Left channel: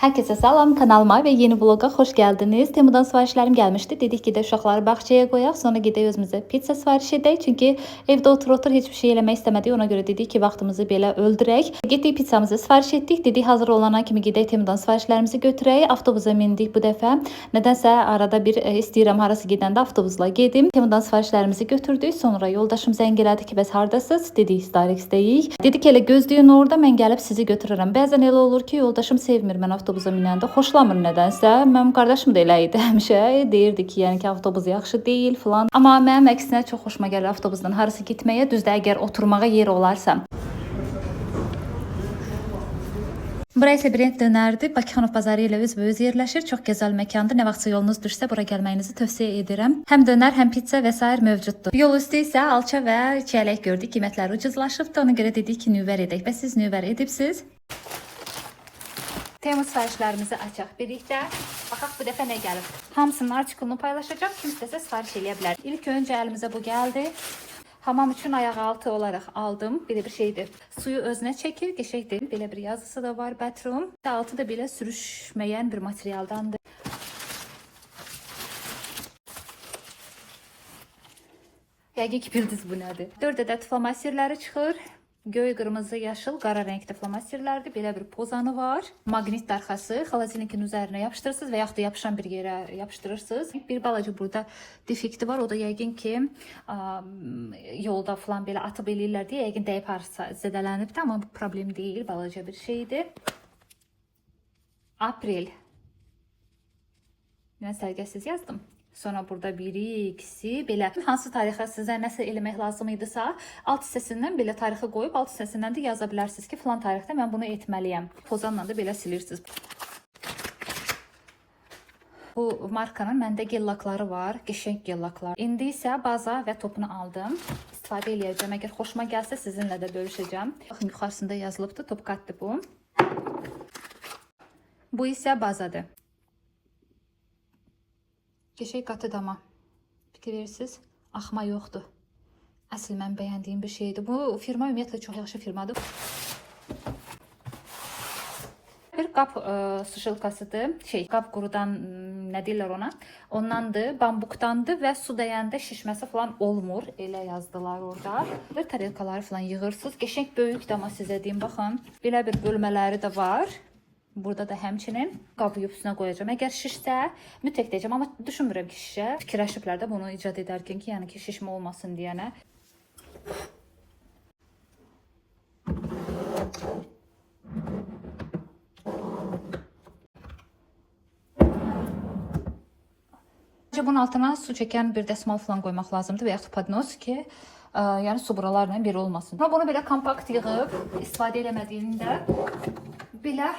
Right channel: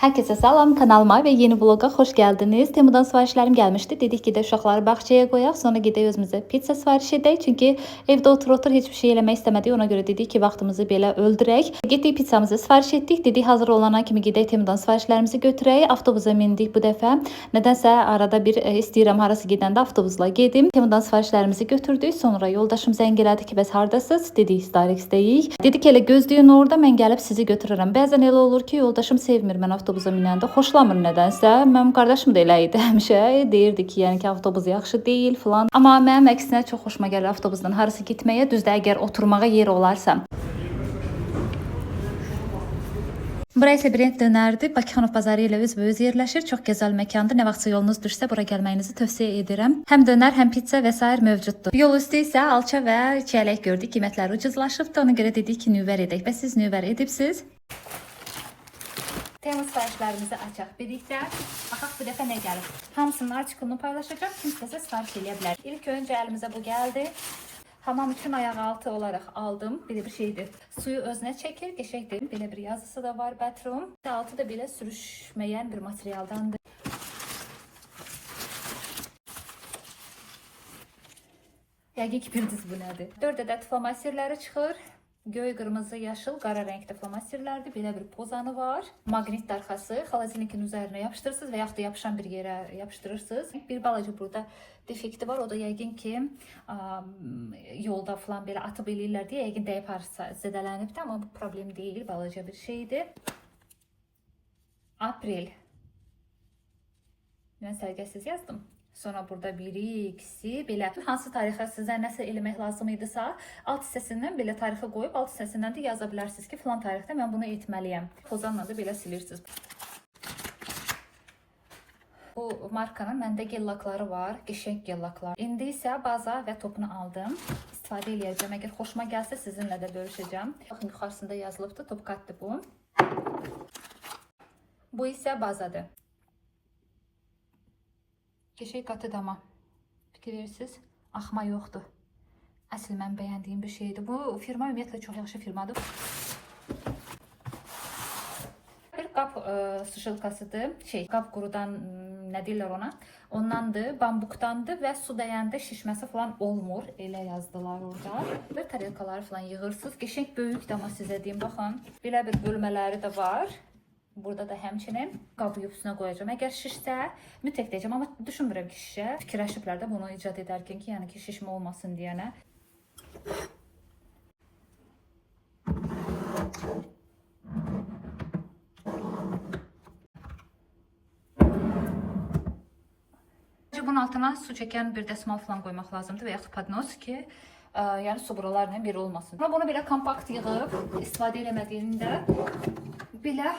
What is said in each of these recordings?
Herkese salam, kanalıma ve yeni vloga hoş geldiniz. Temu'dan siparişlerim gelmişti. Dedik ki de uşaqları bahçeye koyaq, sonra gidək özümüzə pizza sipariş edək. Çünki evdə otur hiçbir şey eləmək istəmədik. Ona görə dedik ki, vaxtımızı belə öldürək. Getdik pizzamızı sipariş etdik. Dedik hazır olana kimi gedək Temu'dan siparişlərimizi götürək. Avtobusa mindik bu dəfə. Nədənsə arada bir istəyirəm harası gedəndə avtobusla gedim. Temu'dan siparişlərimizi götürdük. Sonra yoldaşım zəng elədi ki, bəs hardasınız? Dedik Starix'dəyik. Dedik elə gözləyin orada, mən gəlib sizi götürərəm. Bəzən elə olur ki, yoldaşım sevmir mən avtobusa minəndə, xoşlamır nədənsə. Mənim qardaşım da elə idi həmişə. Deyirdi ki, yəni ki, avtobus yaxşı deyil falan. Amma mənim əksinə çox xoşuma gəlir avtobusdan harası getməyə. Düzdür, əgər oturmağa yer olarsa. Bura isə Brent dönərdir. Bakıxanov bazarı ilə üzbəüz yerləşir. Çox gözəl məkandır. Nə vaxtsa yolunuz düşsə bura gəlməyinizi tövsiyə edirəm. Həm dönər, həm pizza və sair mövcuddur. Yol üstü isə alça və çiyələk gördük. Qiymətləri ucuzlaşıbdı. Ona görə dedik ki, nüvər edək. Bəs siz nüvər edibsiz? Temu siparişlərimizi açaq birlikdə. Baxaq bu dəfə nə gəlib. Hamısının artikulunu paylaşacağım. Kimsə sipariş eləyə bilər. İlk öncə əlimizə bu gəldi. Hamam üçün ayaqaltı olaraq aldım. Belə bir şeydir. Suyu özünə çəkir, qəşəngdir. Belə bir yazısı da var, bathroom. Altı da belə sürüşməyən bir materialdandır. Yəqin ki, bildiniz bu nədir. 4 ədəd flomasterləri çıxır. Göy, qırmızı, yaşıl, qara rəngdə flomasterlərdir. Belə bir pozanı var. Maqnit arxası. Xalazinlikin üzərinə yapışdırırsınız və yaxud da yapışan bir yerə yapışdırırsınız. Bir balaca burada defekti var. O da yəqin ki, yolda falan belə atıb eləyirlər deyə yəqin dəyib harasa zədələnibdir. Amma bu problem deyil. Balaca bir şeydir. Aprel. Mən sərgəsiz yazdım. Sonra burada biri, ikisi, belə hansı tarixə sizə nəsə eləmək lazım idisə, alt hissəsindən belə tarixi qoyub, alt hissəsindən də yaza bilərsiniz ki, filan tarixdə mən bunu etməliyəm. Pozanla da belə silirsiniz. Bu markanın məndə gellakları var, qəşəng gellaklar. İndi isə baza və topunu aldım. İstifadə eləyəcəm. Əgər xoşuma gəlsə sizinlə də bölüşəcəm. Baxın, yuxarısında yazılıbdır, topkatdır bu. Bu isə bazadır. Qəşəng qatıdır amma. Fikir verirsiniz, axma yoxdur. Əsl mən bəyəndiyim bir şeydir. Bu firma ümumiyyətlə çox yaxşı firmadır. Bir qap suşilkasıdır. Qap qurudan nə deyirlər ona? Ondandır, bambukdandır və su dəyəndə şişməsi falan olmur. Elə yazdılar orada. Bir tarelkaları falan yığırsınız. Qəşəng böyükdür amma sizə deyim, baxın. Belə bir bölmələri də var. Burada da həmçinin qabı üstünə qoyacağım. Əgər şişsə, mütləq deyəcəm, amma düşünmürəm ki, şişə. Fikirləşiblər də bunu icad edərkən ki, yəni ki, şişmə olmasın deyənə. Bunun altına su çəkən bir dəsmal falan qoymaq lazımdır və yaxud podnos ki, yəni su buralarla bir olmasın. Bunu belə kompakt yığıb, istifadə eləmədiyində belə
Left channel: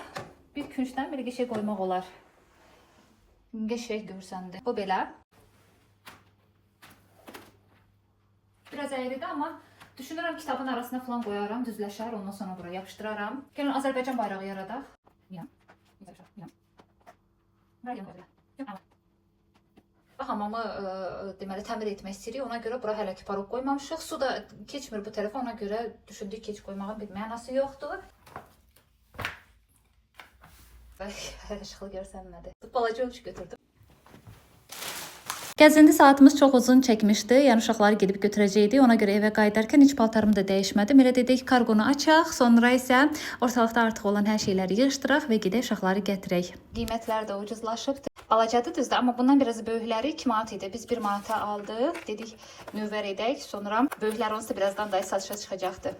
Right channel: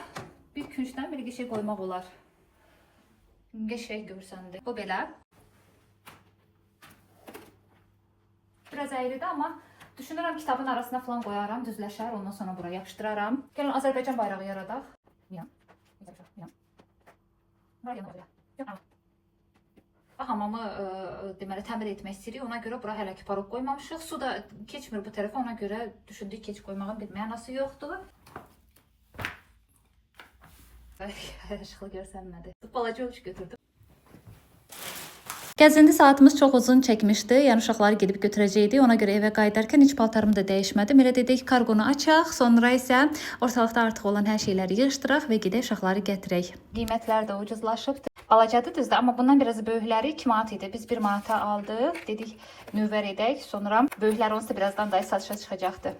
bir küncdən bir qəşəng qoymaq olar. Qəşəng görsəndə. Bu belə. Biraz əyridir, amma düşünürəm kitabın arasına falan qoyaram, düzləşər, ondan sonra bura yapışdıraram. Gəlin Azərbaycan bayrağı yaradaq. Hamamı deməli təmir etmək istəyirik, ona görə bura hələ ki parok qoymamışıq. Su da keçmir bu tərəfə, ona görə düşündük ki, heç qoymağın bir mənası yoxdur. Hər işıqlı görsəm nədir? Balaca ölçü götürdüm. Gəzinti saatımız çox uzun çəkmişdi. Yəni uşaqları gedib götürəcəkdik. Ona görə evə qayıdarkən heç paltarımı da dəyişmədim. Elə dedik kargonu açaq. Sonra isə ortalıqda artıq olan hər şeyləri yığışdıraq və gedək uşaqları gətirək. Qiymətlər də ucuzlaşıbdı. Balacadır düzdür, amma bundan biraz böyükləri 2 manat idi. Biz 1 manata aldıq. Dedik nüvər edək. Sonra böyüklər onsa birazdan da satışa çıxacaqdı.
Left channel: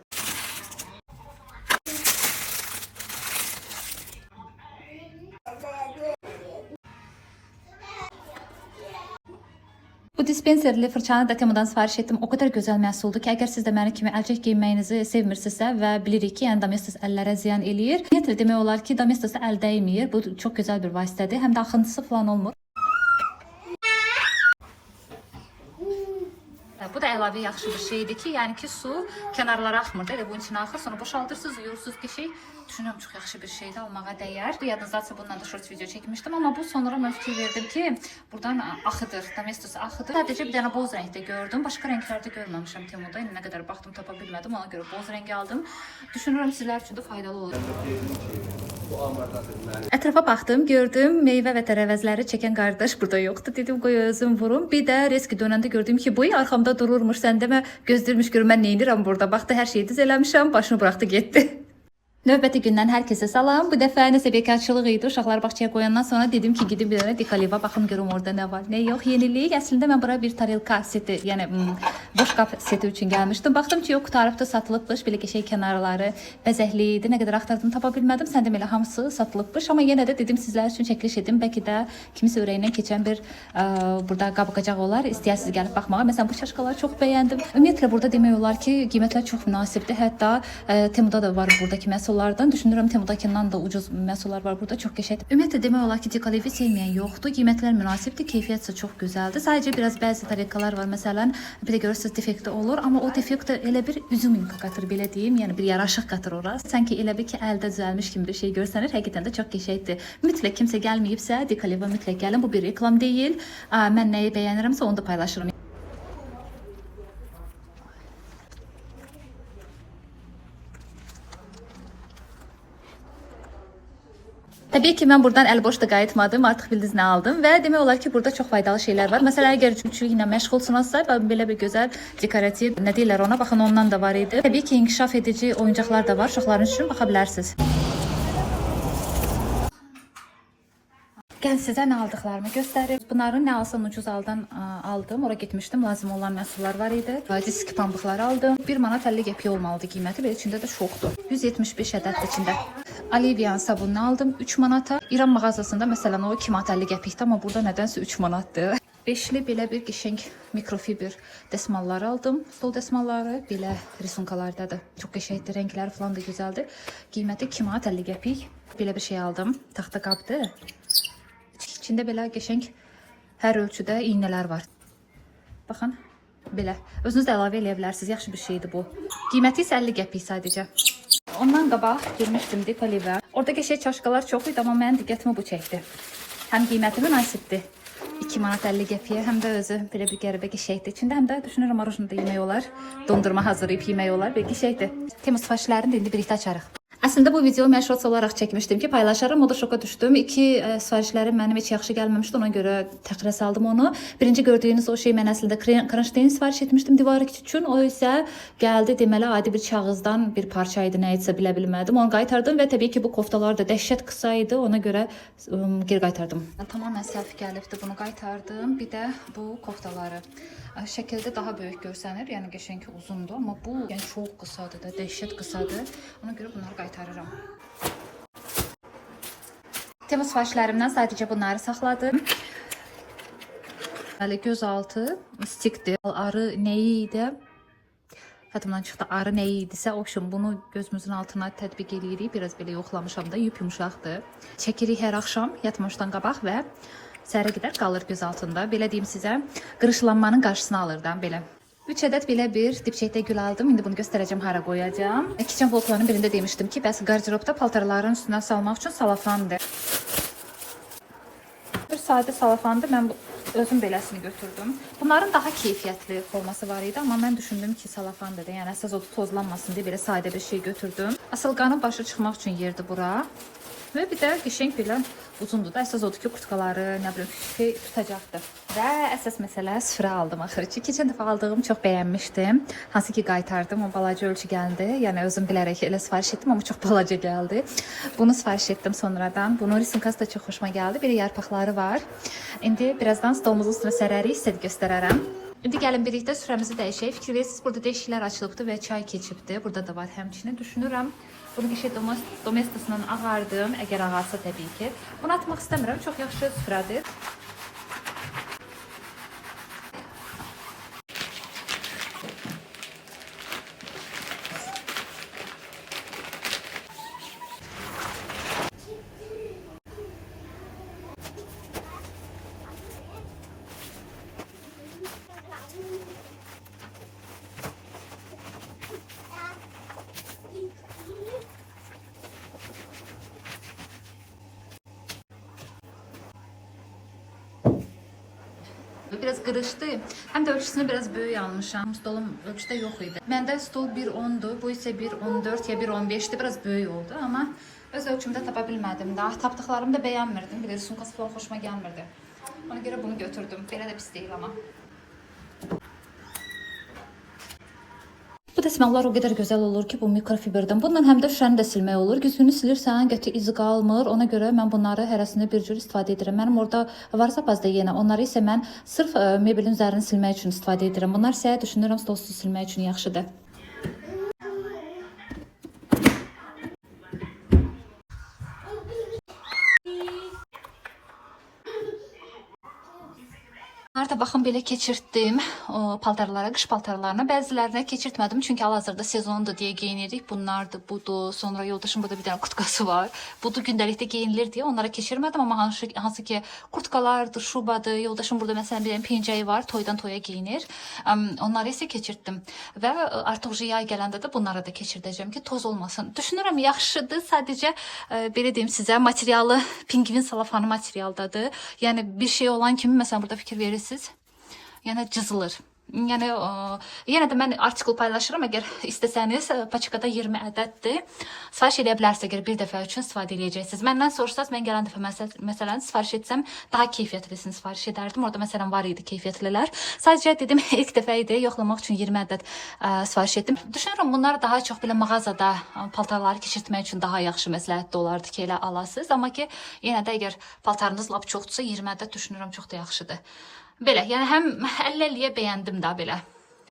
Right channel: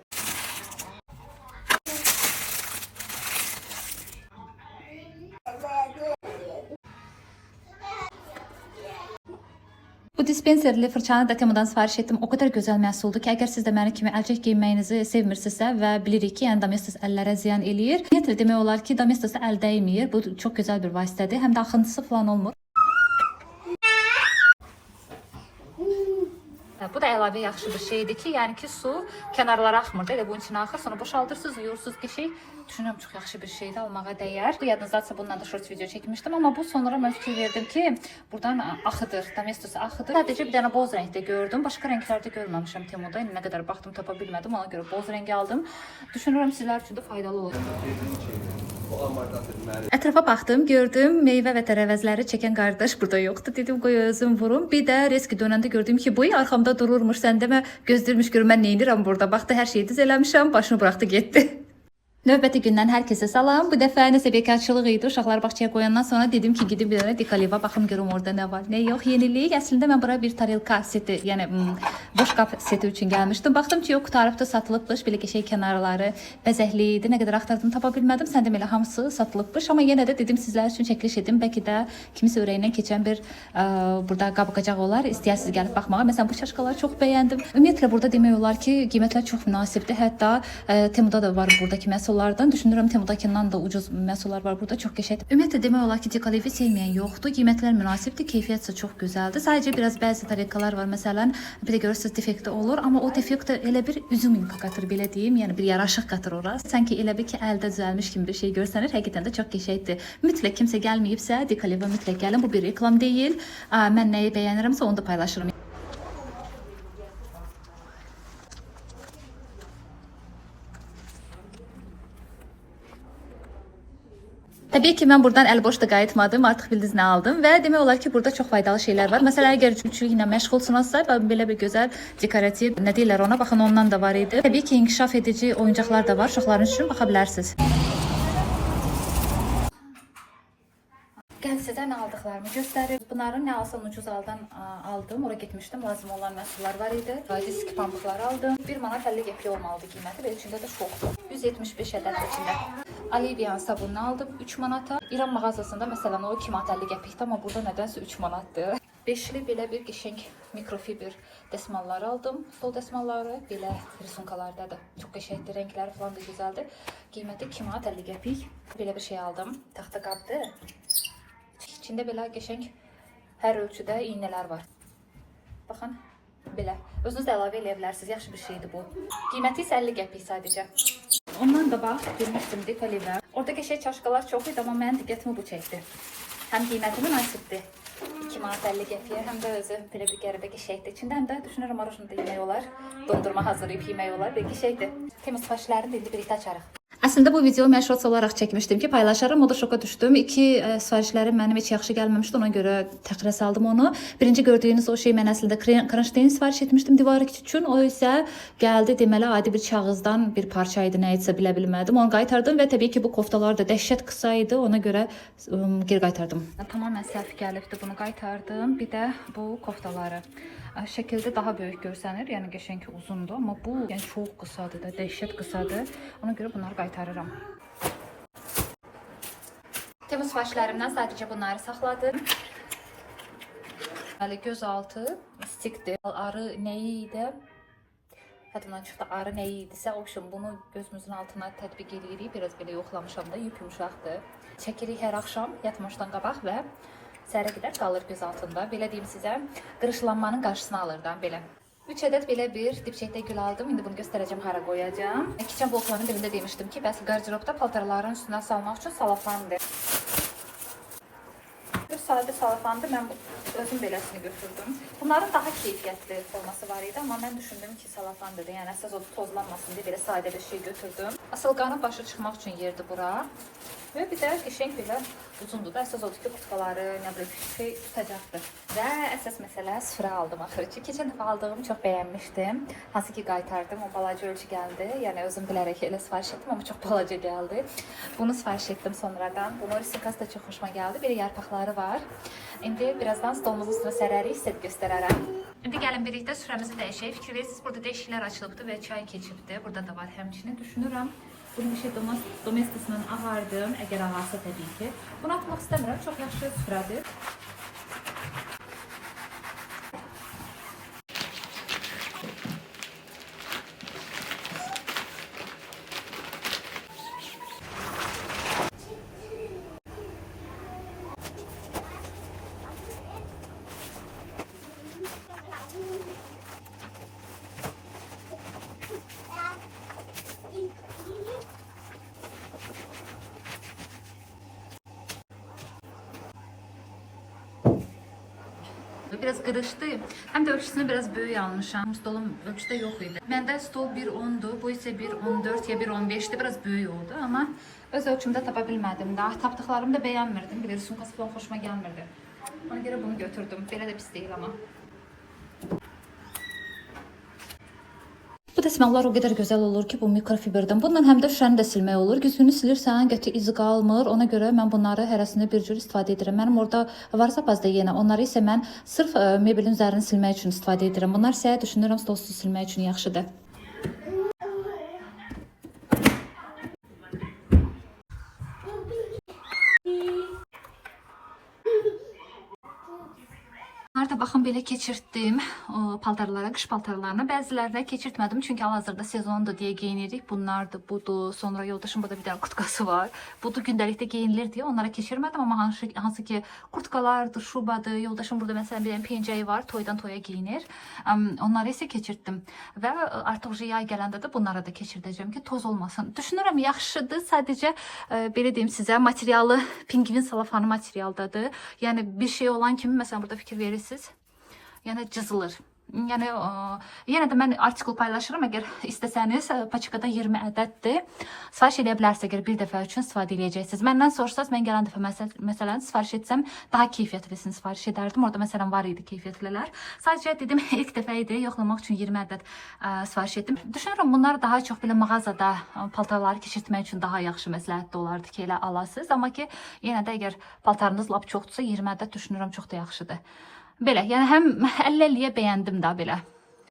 Bu dispenserli fırçanı da Temu'dan sipariş etdim. O kadar gözəl məhsuldur ki, əgər siz də məni kimi əlcək geyinməyinizi sevmirsinizsə və bilirik ki, yəni domestos əllərə ziyan eləyir. Ümumiyyətlə demək olar ki, domestos əl dəymir. Bu çox gözəl bir vasitədir. Həm də axıntısı falan olmur. Bu da əlavə yaxşı bir şeydir ki, yəni ki, su kənarlara axmır. Elə bunun içinə axır, sonra boşaldırsınız, yuyursunuz, qəşəng Düşünürəm çox yaxşı bir şeydir, almağa dəyər. Bu yadınızdadsa bundan da short video çəkmişdim, amma bu sonra mən fikir verdim ki, buradan axıdır, Domestos axıdır. Sadəcə bir dənə boz rəngdə gördüm. Başqa rənglərdə görməmişəm Temuda. İndi nə qədər baxdım tapa bilmədim. Ona görə boz rəngi aldım. Düşünürəm sizlər üçün də faydalı olacaq. Ətrafa baxdım, gördüm meyvə və tərəvəzləri çəkən qardaş burada yoxdur. Dedim qoy özüm vurum. Bir də reski dönəndə gördüm ki, boyu arxamda dururmuş. Sən demə gözləyirmiş gör mən nə edirəm burada. Baxdı hər şeyi düz eləmişəm, başını buraxdı getdi. Növbəti gündən hər kəsə salam. Bu dəfə nəsə bekarçılıq idi. Uşaqları bağçaya qoyandan sonra dedim ki, gedim bir dənə Dekaliva baxım görüm orada nə var, nə yox. Yenilik. Əslində mən bura bir tarelka seti, yəni boş qab seti üçün gəlmişdim. Baxdım ki, yox, qutarıbdı, satılıbmış. Belə qəşəng kənarları bəzəkli idi. Nə qədər axtardım tapa bilmədim. Sən demə elə hamısı satılıbmış, amma yenə də dedim sizlər üçün çəkiliş edim. Bəlkə də kimisə ürəyindən keçən bir burada qab-qacaq olar. İstəyirsiniz gəlib baxmağa. Məsələn, bu çaşkaları çox bəyəndim. Ümumiyyətlə burada demək olar ki, qiymətlər çox münasibdir. Hətta Temuda da var buradakı məhsullardan. Düşünürəm Temudakından da ucuz məhsullar var burada. Çox qəşəng. Ümumiyyətlə demək olar ki, Dekalivi sevməyən yoxdur. Qiymətlər münasibdir, keyfiyyət isə çox gözəldir. Sadəcə biraz bəzi tarelkalar var. Məsələn, bir də görürsüz defekti olur, amma o defekt elə bir üzümün qatır belə deyim, yəni bir yaraşıq qatır ora. Sanki elə bir ki, əldə düzəlmiş kimi bir şey görsənir. Həqiqətən də çox qəşəngdir. Mütləq kimsə gəlməyibsə, Dekaliva mütləq gəlin. Bu bir reklam deyil. Mən nəyi bəyənirəmsə onu da paylaşırım. Təbii ki, mən buradan əlboş da qayıtmadım. Artıq bildiniz nə aldım və demək olar ki, burada çox faydalı şeylər var. Məsələn, əgər cücülüklə məşğulsunuzsa, belə bir gözəl dekorativ, nə deyirlər ona, baxın ondan da var idi. Təbii ki, inkişaf edici oyuncaqlar da var. Uşaqların üçün baxa bilərsiniz. Gəlin sizə nə aldıqlarımı göstərim. Bunları nə alsam ucuz aldan aldım. Ora getmişdim. Lazım olan məhsullar var idi. Disk pambıqları aldım. 1 manat 50 qəpik olmalıdı qiyməti. Belə içində də çoxdur. 175 ədəd içində. Alivian sabununu aldım 3 manata. İran mağazasında məsələn o 2 manat 50 qəpikdir, amma burada nədənsə 3 manatdır. Beşli belə bir qəşəng mikrofiber dəsmallar aldım. Stol dəsmalları belə risunkalardadır. Çox qəşəngdir, rəngləri falan da gözəldir. Qiyməti 2 manat 50 qəpik. Belə bir şey aldım. Taxta qabdır. İçində belə qəşəng hər ölçüdə iynələr var. Baxın, belə. Özünüz də əlavə edə bilərsiniz. Yaxşı bir şeydir bu. Qiyməti isə 50 qəpik sadəcə. Ondan qabaq girmişdim Dekaliva. Orada qəşəng çaşkalar çox idi, amma mənim diqqətimi bu çəkdi. Həm qiyməti münasibdir. 2 manat 50 qəpiyə, həm də özü belə bir qəribə qəşəngdir. İçində həm də düşünürəm marojnu da yemək olar. Dondurma hazırlayıb yemək olar. Belə qəşəngdir. Temmuz sifarişlərini də indi birlikdə açarıq. Əslində bu video mən shorts olaraq çəkmişdim ki, paylaşarım. O da şoka düşdüm. 2 sifarişlərim mənim heç yaxşı gəlməmişdi. Ona görə təxirə saldım onu. Birinci gördüyünüz o şey mən əslində kronşteyn sifariş etmişdim divarı üçün. O isə gəldi deməli adi bir kağızdan bir parça idi, nə etsə bilə bilmədim. Onu qaytardım və təbii ki bu koftalar da dəhşət qısa idi. Ona görə geri qaytardım. Tamamilə səhv gəlibdi. Bunu qaytardım. Bir də bu koftaları. Şəkildə daha böyük görsənir, yəni qəşəng uzundur, amma bu yəni çox qısadır da, dəhşət qısadır. Ona görə bunları qaytarıram. Temmuz sifarişlərimdən sadəcə bunları saxladım. Bəli, gözaltı stikdir. Arı nəyi idi? Yadımdan çıxdı, arı nəyi idisə, bunu gözümüzün altına tətbiq edirik. Biraz belə yoxlamışam da, yumşaqdır. Çəkirik hər axşam yatmamışdan qabaq və səhərə qədər qalır göz altında. Belə deyim sizə, qırışlanmanın qarşısını alırdan belə. 3 ədəd belə bir dipçəkdə gül aldım. İndi bunu göstərəcəm, hara qoyacağam. Kitchen vloglarının birində demişdim ki, bəs qarderobda paltarların üstünə salmaq üçün salafandır. Bir sadə salafandır. Mən özüm beləsini götürdüm. Bunların daha keyfiyyətli forması var idi, amma mən düşündüm ki, salafan dedi. Yəni əsas odu tozlanmasın deyə belə sadə bir şey götürdüm. Asılqanın başı çıxmaq üçün yerdir bura. Və bir də qəşəng belə uzundur da. Əsas odur ki, kurtkaları, nə bilim, şey tutacaqdır. Və əsas məsələ süfrə aldım axırı. Keçən dəfə aldığımı çox bəyənmişdim. Hansı ki qaytardım, o balaca ölçü gəldi. Yəni özüm bilərək elə sifariş etdim, amma çox balaca gəldi. Bunu sifariş etdim sonradan. Bunun risimkası da çox xoşuma gəldi. Bir yarpaqları var. İndi birazdan stolumuzun üstünə sərərik, sizə göstərərəm. İndi gəlin birlikdə süfrəmizi dəyişək. Fikir verirsiniz, burada dəyişiklər açılıbdır və çay keçibdir. Burada da var həmçinin. Düşünürəm. Bunun işi domestisinin ağardım, əgər ağarsa təbii ki. Bunu atmaq istəmirəm, çox yaxşı süfrədir. Biraz qırışdı. Həm də ölçüsünü biraz böyük almışam. Stolum ölçüdə yox idi. Məndə stol 1.10'du. Bu isə 1.14 ya 1.15'di. Biraz böyük oldu. Amma öz ölçümdə tapa bilmədim də. Tapdıqlarımı da bəyənmirdim. Bir də sumkası falan xoşuma gəlmirdi. Ona görə bunu götürdüm. Belə də pis deyil amma. Bu dəsmallar o qədər gözəl olur ki, bu mikrofiberdən. Bundan həm də şüşəni də silmək olur. Güzgünü silirsən, qəti izi qalmır. Ona görə mən bunları hərəsində bir cür istifadə edirəm. Mənim orada var zapazda yenə. Onları isə mən sırf mebelin üzərini silmək üçün istifadə edirəm. Bunlar isə düşünürəm stolsu silmək üçün yaxşıdır. Arada baxın belə keçirtdim o paltarlara, qış paltarlarına. Bəzilərinə keçirtmədim çünki hal-hazırda sezondur deyə geyinirik. Bunlardır, budur. Sonra yoldaşım burada bir dənə kurtkası var. Budur gündəlikdə geyinilir deyə onlara keçirmədim, amma hansı ki kurtkalardır, şubadır. Yoldaşım burada məsələn bir dənə pencəyi var, toydan toya geyinir. Onları isə keçirtdim və artıq yay gələndə də bunları da keçirdəcəm ki, toz olmasın. Düşünürəm yaxşıdır. Sadəcə belə deyim sizə, materialı pingvin salafanı materialdadır. Yəni bir şey olan kimi məsələn burada fikir verirsiniz. Yəni cızılır. Yəni yenə də mən artikul paylaşıram. Əgər istəsəniz paçkada 20 ədəddir. Sifariş edə bilərsiniz əgər bir dəfə üçün istifadə edəcəksiniz. Məndən soruşsaz mən gələn dəfə məsələn sifariş etsəm daha keyfiyyətlisini sifariş edərdim. Orada məsələn var idi keyfiyyətlilər. Sadəcə dedim ilk dəfə idi yoxlamaq üçün 20 ədəd sifariş etdim. Düşünürəm bunlar daha çox belə mağazada paltarları keçirtmək üçün daha yaxşı məsləhətli olardı ki, elə alasınız. Amma ki yenə də əgər paltarınız lap çoxdursa 20 ədəd düşünürəm çox da yaxşıdır. Belə, yəni həm 50-50-yə bəyəndim də belə.